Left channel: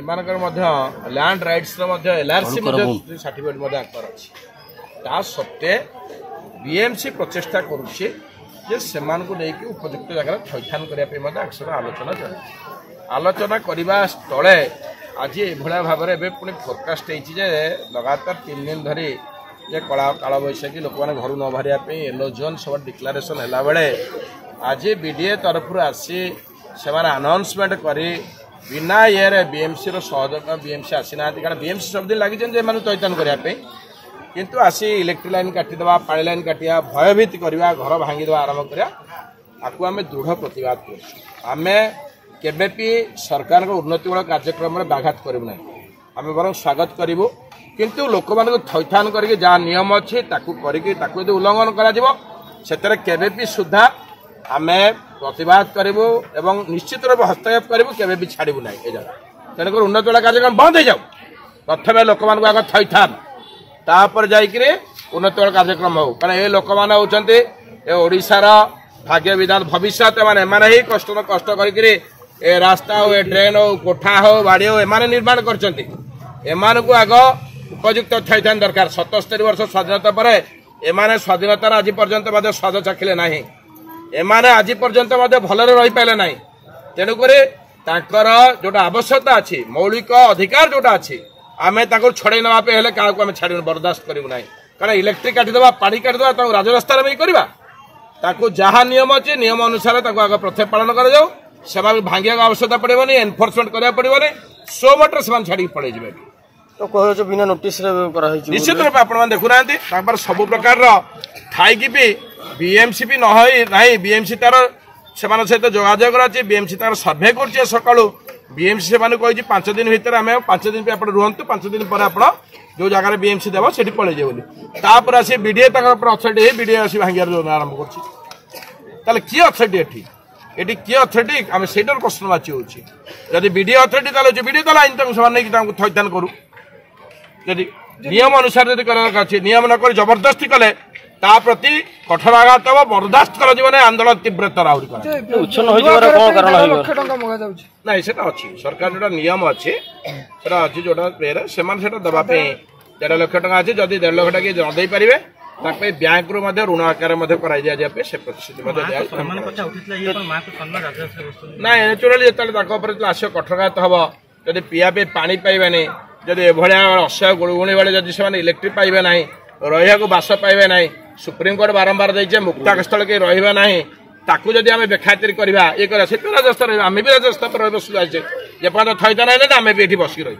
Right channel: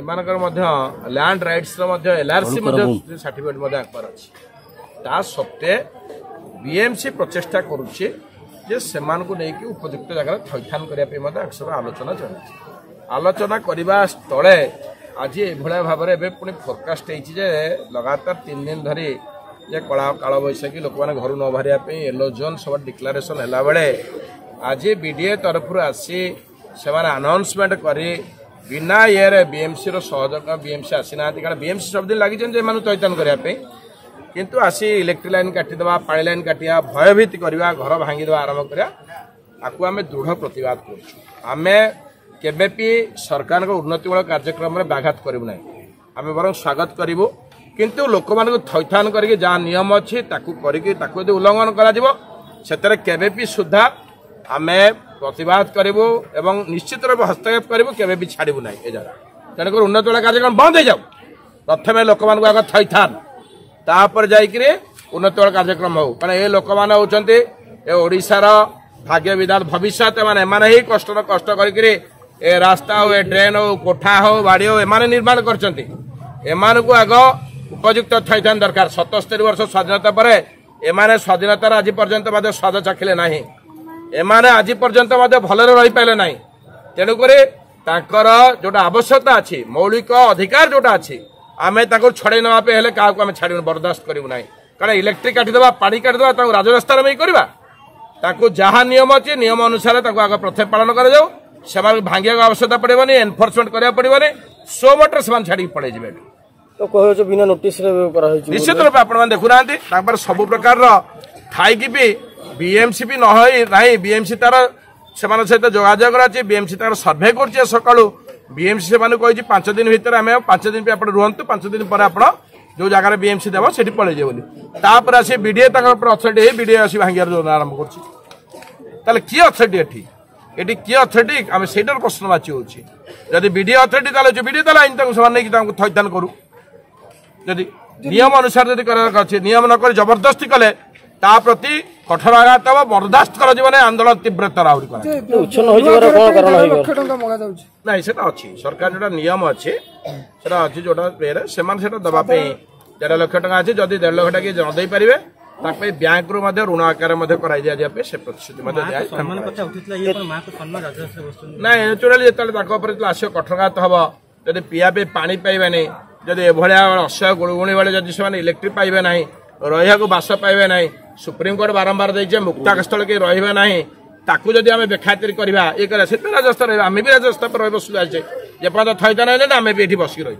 एमानकर land rights LRC certificate आंकर अच्छी ता सत्वे बीएमसी प्रचेषा करुच्छे लेकिन उपयुक्त जगह थैथान करने आलोचना चलती आलोचना करने स्थले आज ये भाव में पुणी फोरकास्ट होती लगातार 3 दिन धरी ये कला काल बैशाखी लोक मैंने घर न बाहर येलो जोन सब डिक्लारेसन है बेले आज बीडीए तरफ आसी से अनाउंसमेंट कर बिना ये बीएमसी सहयोग बीएमसी आसी ना कारण बीएमसी सब दिन लगी थैथान करने किंतु आसी इलेक्ट्रिक लाइन काटिदेवा पानी लाइन काटिया भयभीत करवा घर भांगीदेवा आरंभ करवा आम दृढ़ प्रतिवाद करें केबेपि सरकार उन्नतिमूलक कार्यक्रम में व्याघात करूँ ना आम बर स्वागत करूँ किंतु लोक मान थैथान करके जहाँ नियम अच्छी यदि उल्लंघन कर सुधा आम प्रतिवाद करूँ एवं निश्चित रूप हस्तक्षेप करूँ केबेपि छाड़ू ना ये जगह तेणुक उन्नतिमूलक कार्यक्रम बंद हो जाऊ प्रथम लोक मान आग थैथान तापर जाइए उन्नतिमूलक कार्यक्रम हो कारण ये लोक मैंने होती ओडार भाग्य विधान भविष्य एमाने ही कष्ट कष्ट कर रास्ता हो ड्रेन हो कोठा हो बाड़ी हो एमाने निर्माण करछंती एमान को आग उपयुक्त थैथान दरकार 77 वर्ष स्वाधीनता पर एमाने स्वाधीनतार आज पर्यंत स्वाद चाखिले ना एमाने आज पर्यंत भलरे रही पाइले ना तेणुक जोटा आवश्यकता अच्छी मौलिक अधिकार जोटा अच्छी आमे छड़े नापे हेले क्या आम छाड़ बर्दाश्त करूँ ना कारण इलेक्ट्रिक काटिदेवा पानी काटिदेवा राजरास्तार में करवा जहाँ नियम अच्छे नियम अनुसार आग प्रथम पालन कर भांगा आवश्यकता पड़ेनि एनफोर्समेंट करा पड़ेनि सो मटर से छाड़ी पड़े जाए तो कह बिना नोटिस निश्चित रूप आप देखुना सब प्रकार थाई भी बीएमसी भी ना बीएमसी तार से सहित जोगाजोग अच्छी बीएमसी तार सर्भे कर सका बीएमसी से 5 दिन भितर आम 5 दिन आप रुहतु 5 दिन पर आप जो जगह बीएमसी देव से पलि जापर आस बीडीए अथॉरिटी बीडीए आस भांगार योजना आरंभ कर किए अथॉरिटी ये किए अथॉरिटी आम से प्रश्न बाची होदी बीडीए अथॉरिटी जो बीडीए आईन नहीं थैथान करूँ जदि नियम अनुसार जब कर नियम नक जबरदस्ती कले प्रति कठोर आघात हम बर्दास्त कर आंदोलन तीव्रतर ना अच्छी सरकार जो नियम अच्छे अच्छी जोटा से दवाई 1.5 लाख टका अच्छी जदि 1.5 लाख टका किए नदे पारे बैंक रू ऋण आकार से प्रतिश्रुति ना नेचुराली जो आस कठोरघात हम जब पीआई पानी पाइबानी जदि एभलिया असह्य गुणुगुणी बेले जदि से इलेक्ट्रिक पाइबे ना रहा बास पाइबे ना सुप्रीमकोर्ट बारंबार देखे मुक्ता स्थल के रहा ना ताकू जदि आम बेखातिर करवा ये राजस्थ आम भी राजस्थ पर बस जाए जेपर्यंत थैथान आम भी ये बसिक रही।